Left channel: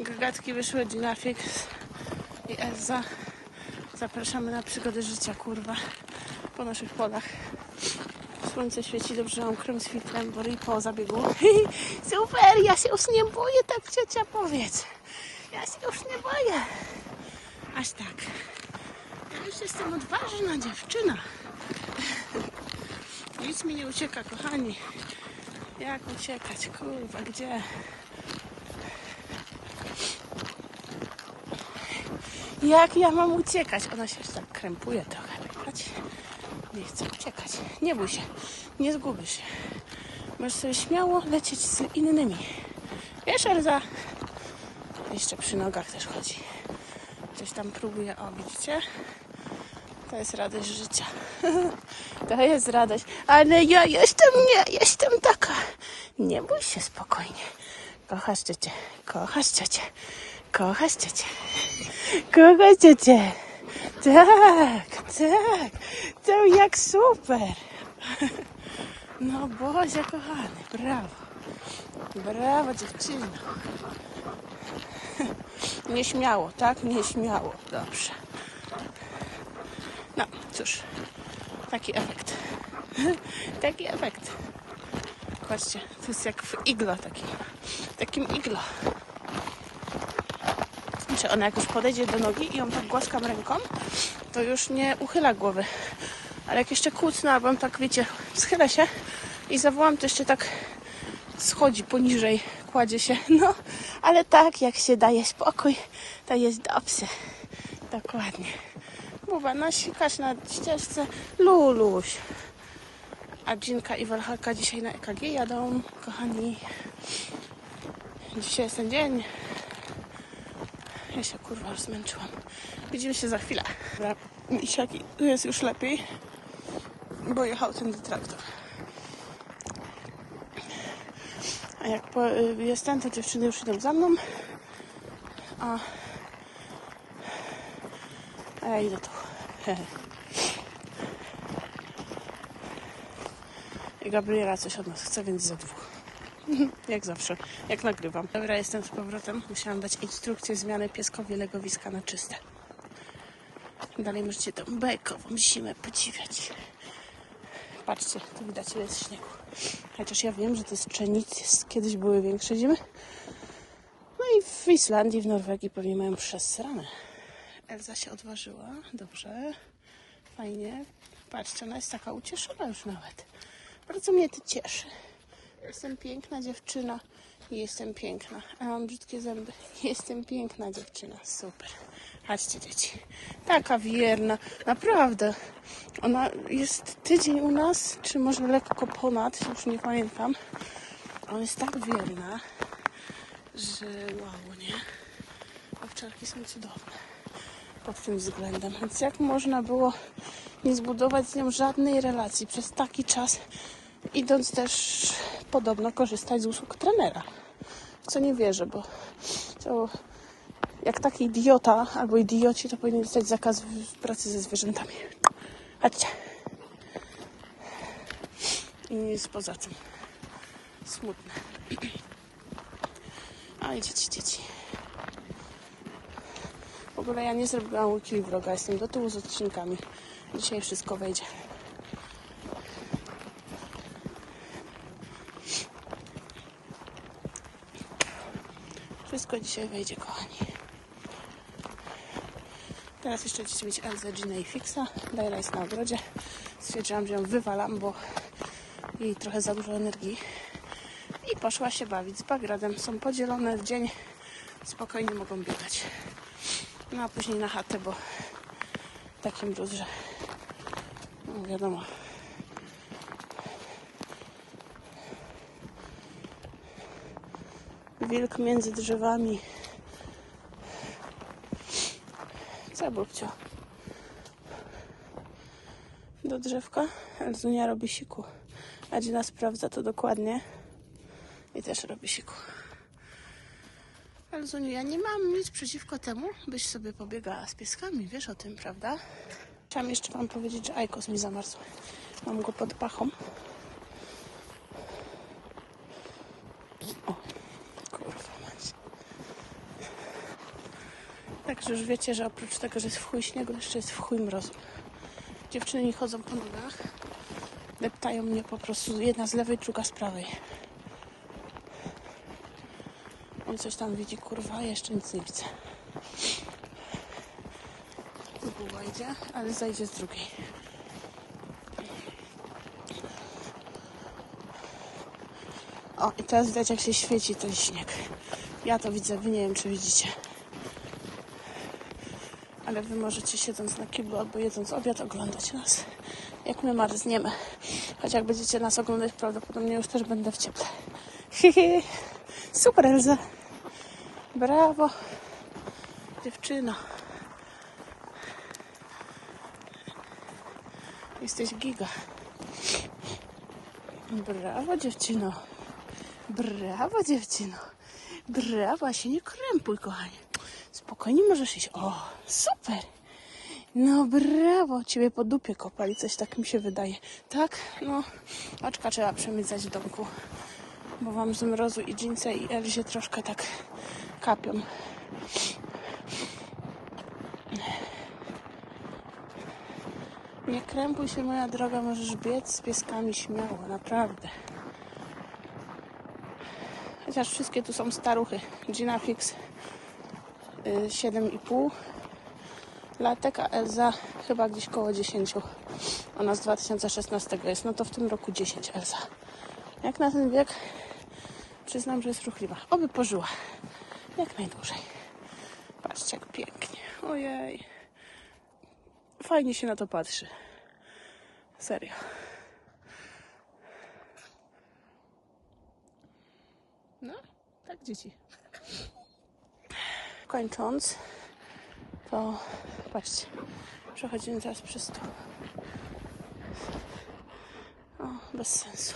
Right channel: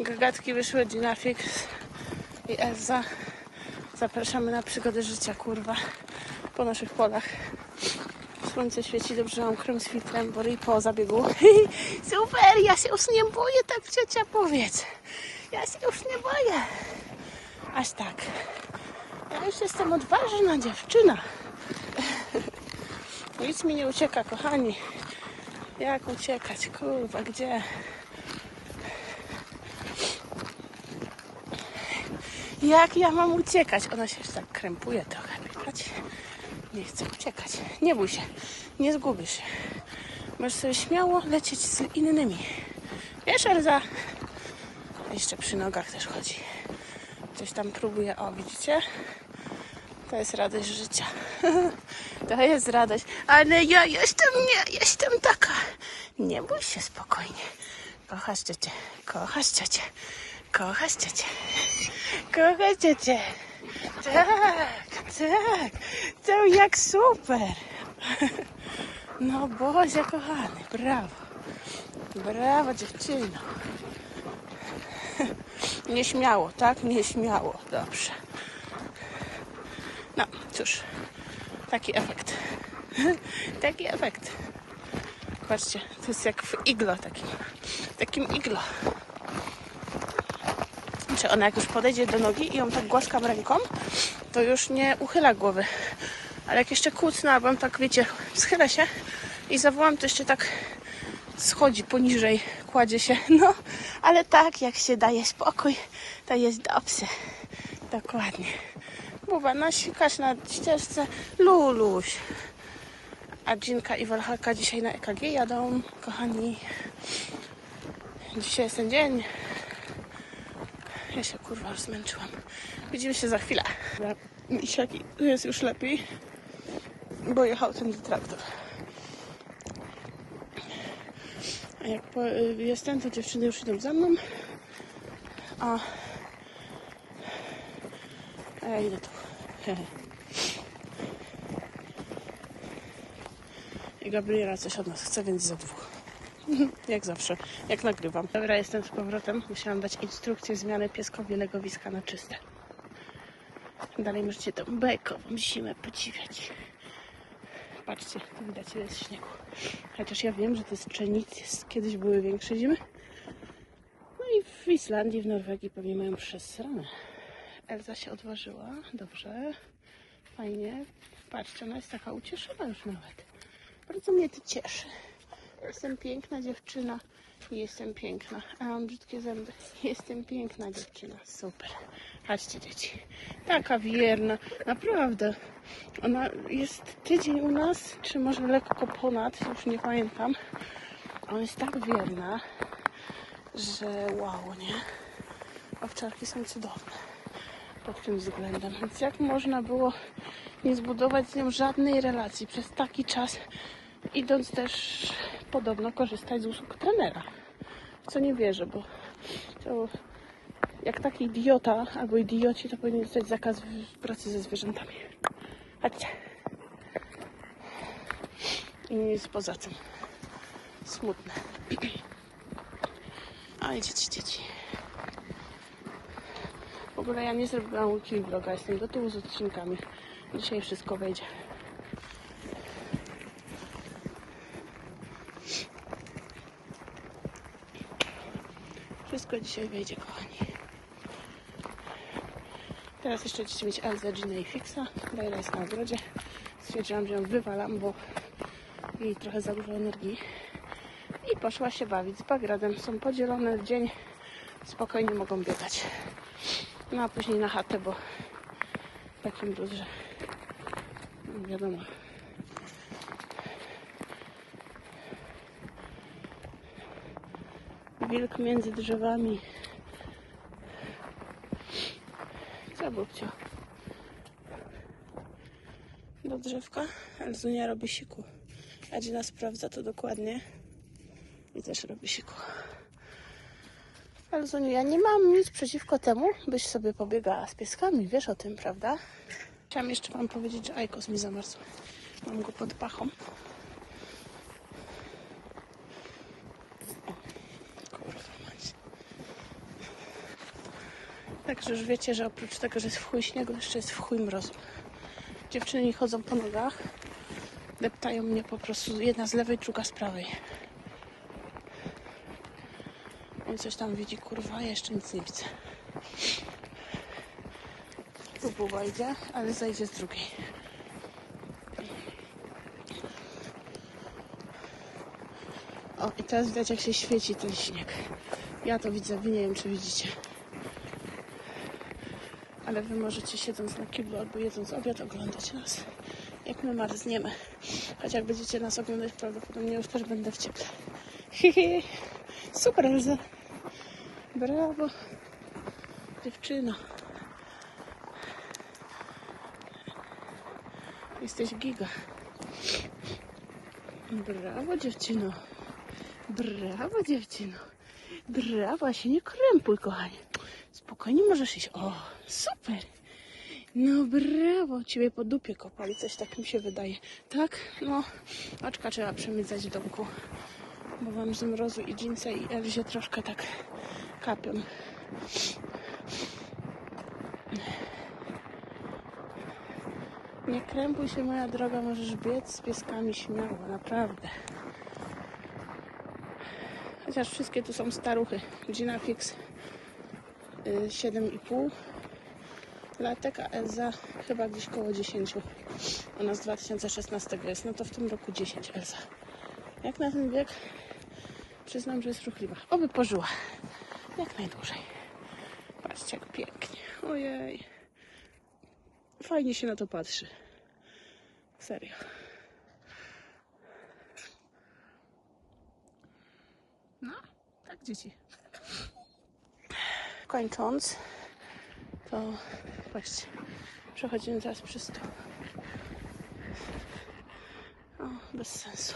Gagatki wysłać Dynafix i Elza. Zapraszamy na przygody życia, kurwa, po naszych polach. Słońce świeci, dobrze mam krem z filtrem, bo i po zabiegu. Super, ja się już nie boję, tak ciocia powiedz. Ja się już nie boję. Aż tak. Ja już jestem odważna dziewczyna. Nic mi nie ucieka, kochani. Jak uciekać? Kurwa, gdzie? Jak ja mam uciekać? Ona się tak krępuje trochę. Chodź. Nie chcę uciekać. Nie bój się. Nie zgubisz się. Możesz sobie śmiało lecieć z innymi. Wiesz, Elza? Jeszcze przy nogach też chodzi. Coś tam próbuje. O, widzicie? To jest radość życia. To jest radość. Ale ja jestem nie, jestem taka. Nie bój się spokojnie. Kochasz ciocię. Kochasz ciocię. Kochasz ciocię. Kochasz ciocię. Tak, tak. To jak super. No Boże kochany, brawo. Brawo dziewczyno. Nieśmiało, tak? Nieśmiało. Dobrze. No cóż, taki efekt. Taki efekt. Patrzcie, to jest jak w iglo takim. Takim iglo. Ona jak już podejdzie do nogi i ją tak głaskam ręką, to już nie uchyla głowy. Ale jak jeszcze kucnę, albo tak, wiecie, schyla się i zawołam, to jeszcze tak schodzi poniżej, kładzie się. No, ale tak, jak się daje spokój, to jest dobrze. Dokładnie. Buba, nasikasz na ścieżce. Luluś. A Dzinka i Walhalka dzisiaj na EKG jadą, kochani. Dzisiaj jest ten dzień. Ja się kurwa zmęczyłam. Widzimy się za chwilę. Misiaki, tu jest już lepiej, bo jechał ten traktor. A jak po, jestem, to dziewczyny już idą za mną. A, a ja idę tu. I Gabriela coś od nas chce, więc za dwóch. Jak zawsze, jak nagrywam. Dobra, jestem z powrotem. Musiałam dać instrukcję zmiany pieskowi legowiska na czyste. Dalej możecie tą bajkową zimę podziwiać. Patrzcie, tu widać ile jest śniegu. Chociaż ja wiem, że to jest pszenic, kiedyś były większe zimy. No i w Islandii, w Norwegii pewnie mają przesrane. Elza się odważyła, dobrze, fajnie. Patrzcie, ona jest taka ucieszona już nawet. Bardzo mnie to cieszy. Jestem piękna dziewczyna. Jestem piękna. A mam brzydkie zęby. Jestem piękna dziewczyna. Super. Chodźcie dzieci. Taka wierna. Naprawdę. Ona jest tydzień u nas, czy może lekko ponad, już nie pamiętam. Ona jest tak wierna, że wow, nie? Owczarki są cudowne pod tym względem. Więc jak można było nie zbudować z nią żadnej relacji przez taki czas, idąc też podobno korzystać z usług trenera. Co nie wierzę, bo jak taki idiota albo idioci, to powinien dostać zakaz pracy ze zwierzętami. Chodźcie. I nic poza tym. Smutne. Oj, dzieci, dzieci. W ogóle ja nie zrobiłam łuki vloga, jestem do tyłu z odcinkami. Dzisiaj wszystko wejdzie. Wszystko dzisiaj wejdzie, kochani. Teraz jeszcze chcecie mieć Elzę, Ginę i Fixa. Dajla na ogrodzie. Stwierdziłam, że ją wywalam, bo jej trochę za dużo energii. I poszła się bawić z bagradem. Są podzielone w dzień. Spokojnie mogą biegać. No a później na chatę, bo takim luz, że no wiadomo. Wilk między drzewami. Co, Bubcio? Do drzewka? Elzunia robi siku. A Gina sprawdza to dokładnie. I też robi siku. Elzuniu, ja nie mam nic przeciwko temu, byś sobie pobiegała z pieskami. Wiesz o tym, prawda? Chciałam jeszcze wam powiedzieć, że Ajkos mi zamarzł. Mam go pod pachą. O, kurwa mać. Także już wiecie, że oprócz tego, że jest w chuj śniegu, jeszcze jest w chuj. Dziewczyny nie chodzą po nogach. Deptają mnie po prostu jedna z lewej, druga z prawej. On coś tam widzi, kurwa, jeszcze nic nie widzę. Tu buła idzie, ale zajdzie z drugiej. O, i teraz widać jak się świeci ten śnieg. Ja to widzę, wy nie wiem czy widzicie. Ale wy możecie siedząc na kiblu albo jedząc obiad oglądać nas, jak my marzniemy. Choć jak będziecie nas oglądać, prawdopodobnie już też będę w cieple. Hihi. Super Elza. Brawo. Dziewczyno. Jesteś giga. Brawo dziewczyno. Brawo dziewczyno. Brawo, się nie krępuj, kochanie. Spokojnie możesz iść. O, super. No brawo, ciebie po dupie kopali, coś tak mi się wydaje. Tak? No, oczka trzeba przemycać w domku. Bo wam z mrozu i dżinsy i Elzie troszkę tak kapią. Nie krępuj się, moja droga, możesz biec z pieskami śmiało, naprawdę. Chociaż wszystkie tu są staruchy. Gina Hicks 7,5 latek, a Elza chyba gdzieś koło 10. Ona z 2016 jest, no to w tym roku 10 Elza. Jak na ten wiek, przyznam, że jest ruchliwa. Oby pożyła. Jak najdłużej. Patrzcie, jak pięknie. Ojej. Fajnie się na to patrzy. Serio. No, tak dzieci. Kończąc, to właśnie przechodzimy teraz przez to. O, bez sensu.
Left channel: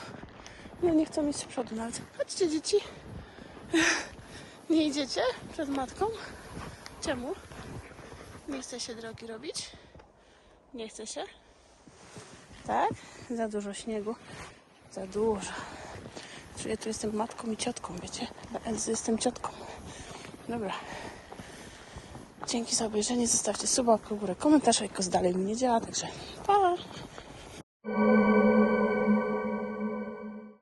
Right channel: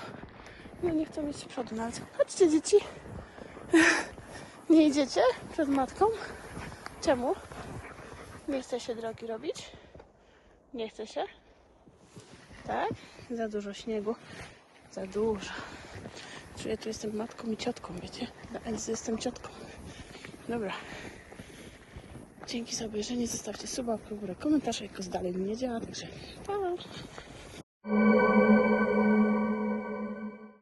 Nie, nie chcę mieć przodu nawet. Chodźcie dzieci. Nie idziecie przed matką? Czemu? Nie chce się drogi robić? Nie chce się? Tak? Za dużo śniegu. Za dużo. Czyli ja tu jestem matką i ciotką, wiecie? Dla jestem ciotką. Dobra. Dzięki za obejrzenie. Zostawcie suba, łapkę górę, komentarz, jak dalej mi nie działa. Także pa!